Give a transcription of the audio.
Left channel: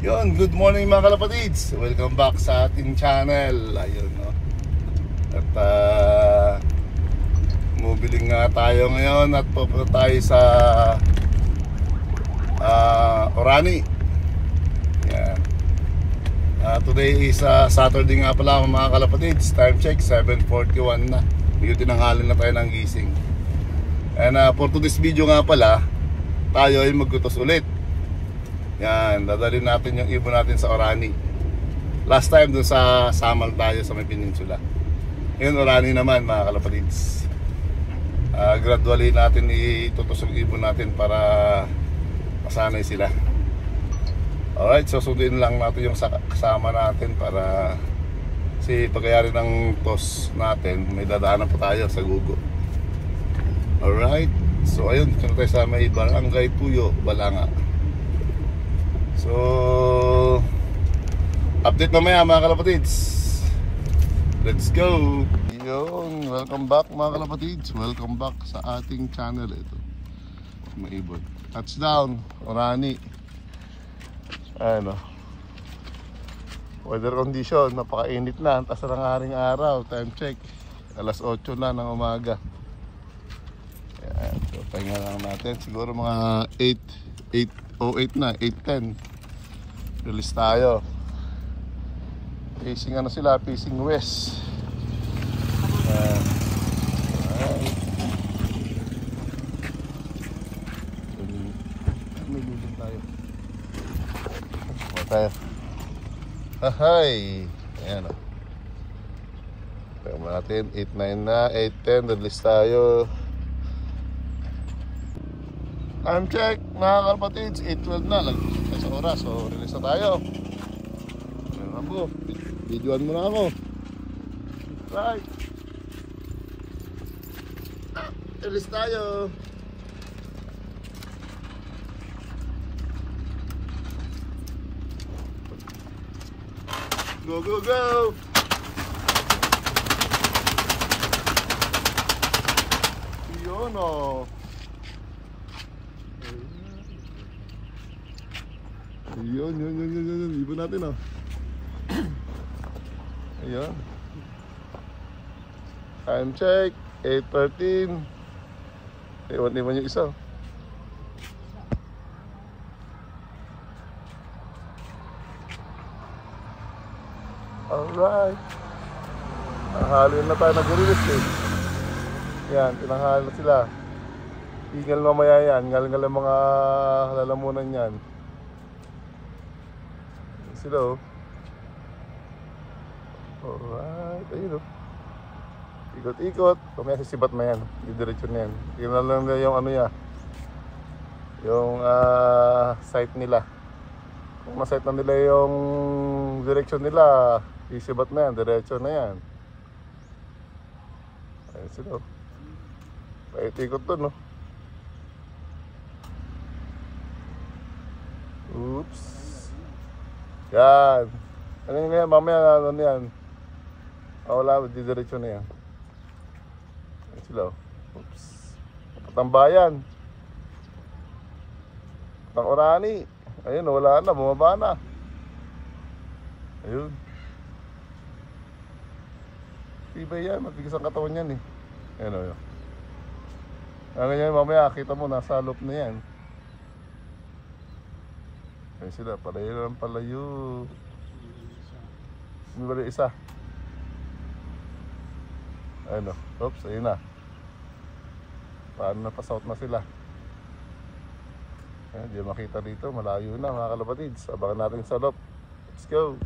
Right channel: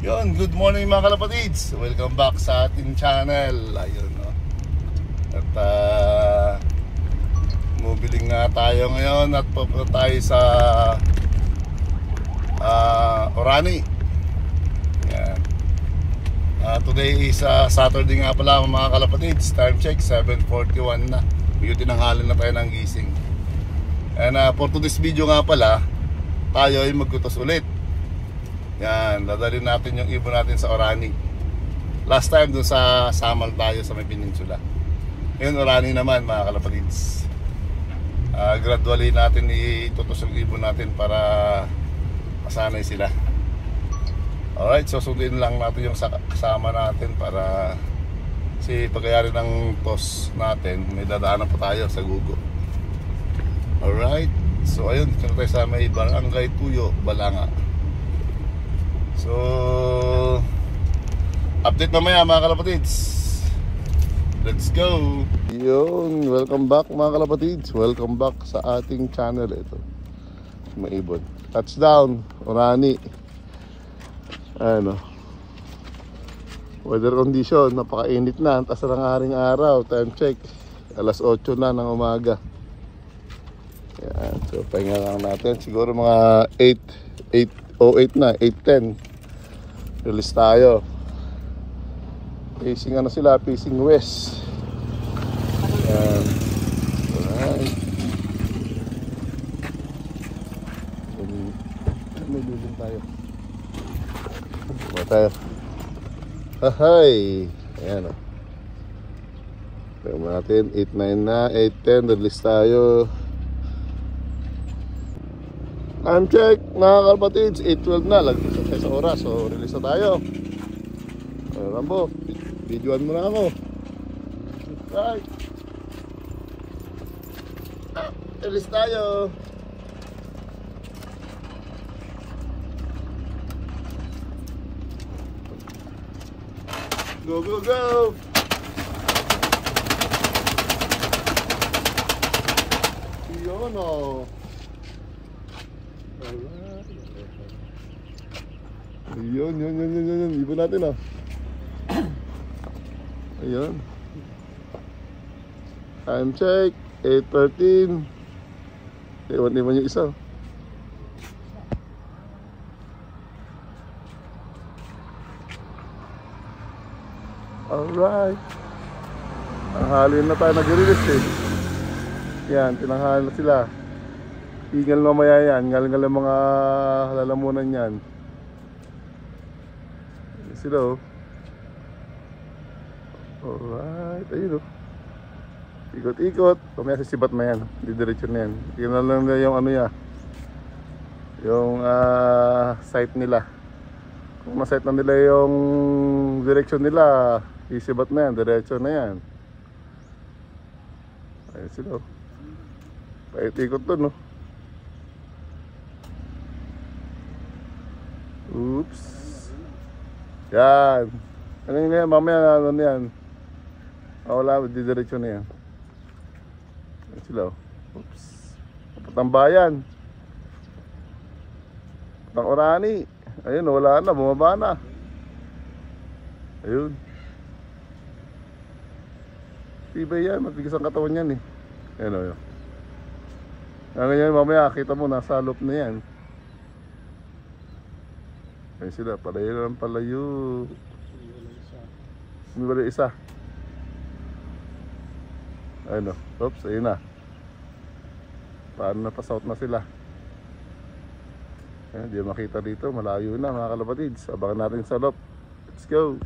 Yun, good morning mga kalapatids. Welcome back sa ating channel. Ayun, no. At mubiling nga tayo ngayon at pupunta tayo sa Orani. Yan. Today is Saturday nga pala mga kalapatids. Time check 7:41 na. Medyo tinanghalin na tayo ng gising. And for today's video nga pala, tayo ay magkutos ulit. Yan, dadalhin natin yung ibon natin sa Orani. Last time dun sa Samal tayo sa may peninsula. Ngayon Orani naman mga kalapatids. Gradually natin itutos yung ibon natin para masanay sila. Alright, so sundin lang natin yung kasama natin para kasi pagkayari ng toss natin, may dadaanan pa tayo sa Gugo. Alright, so ayun, dito tayo sa may Barangay Puyo, Balanga. So, update mamaya mga kalapatids. Let's go. Yun, welcome back mga kalapatids. Welcome back sa ating channel. Ito, maibon. Touchdown, Orani. Ano, weather condition, napakainit na. Taas na ng haring araw. Time check, alas 8 na ng umaga. Yan, so pahinga lang natin. Siguro mga 8:08 na, 8:10. Release tayo. Facing ano sila, facing west. May building tayo. Tayo. Ahay. Ayan. Pero natin 8:09 na, 8:10. Release tayo. Time check mga kapatids, 8:12 na, lagpas sa oras, so release na tayo. So Rambo, videoan mo na ako. Right, release tayo. Go go go. Yun o. Yun. Ibon natin ah. Ayan. Time check 8:13. Iwan yung isa. Alright. Tanghali na tayo nag-release eh. Yan, tinanghali na sila. Eagle mamaya yan, galing mga lalamunan yan. Sila oh. Alright, ayun oh. Ikot-ikot. Mamaya sisibat mo yan, didiretso na yan. Tingnan lang na yung ano yan, yung site nila. Masite na nila yung direksyon nila, isibat na yan, diretso na yan. Ayun sila oh. Ikot doon oh. Oops. Yan. Ano yun yan? Mamaya ano yan? Wala, didiretso na yan. Yan sila. Oops. Ang bayan. Ang Orani. Ayun, wala na. Bumaba na. Ayun. Tibay yan. Matigas ang katawan yan eh. Ayun o. Ngayon mamaya kita mo nasa loop na yan. Ayun sila, palayo lang palayo. May wala isa. Ayun o, oops, ayun na. Paano na pa-south na sila. Ayun, di makita dito, malayo na mga kalapatids. Abangan natin sa loop. Let's go.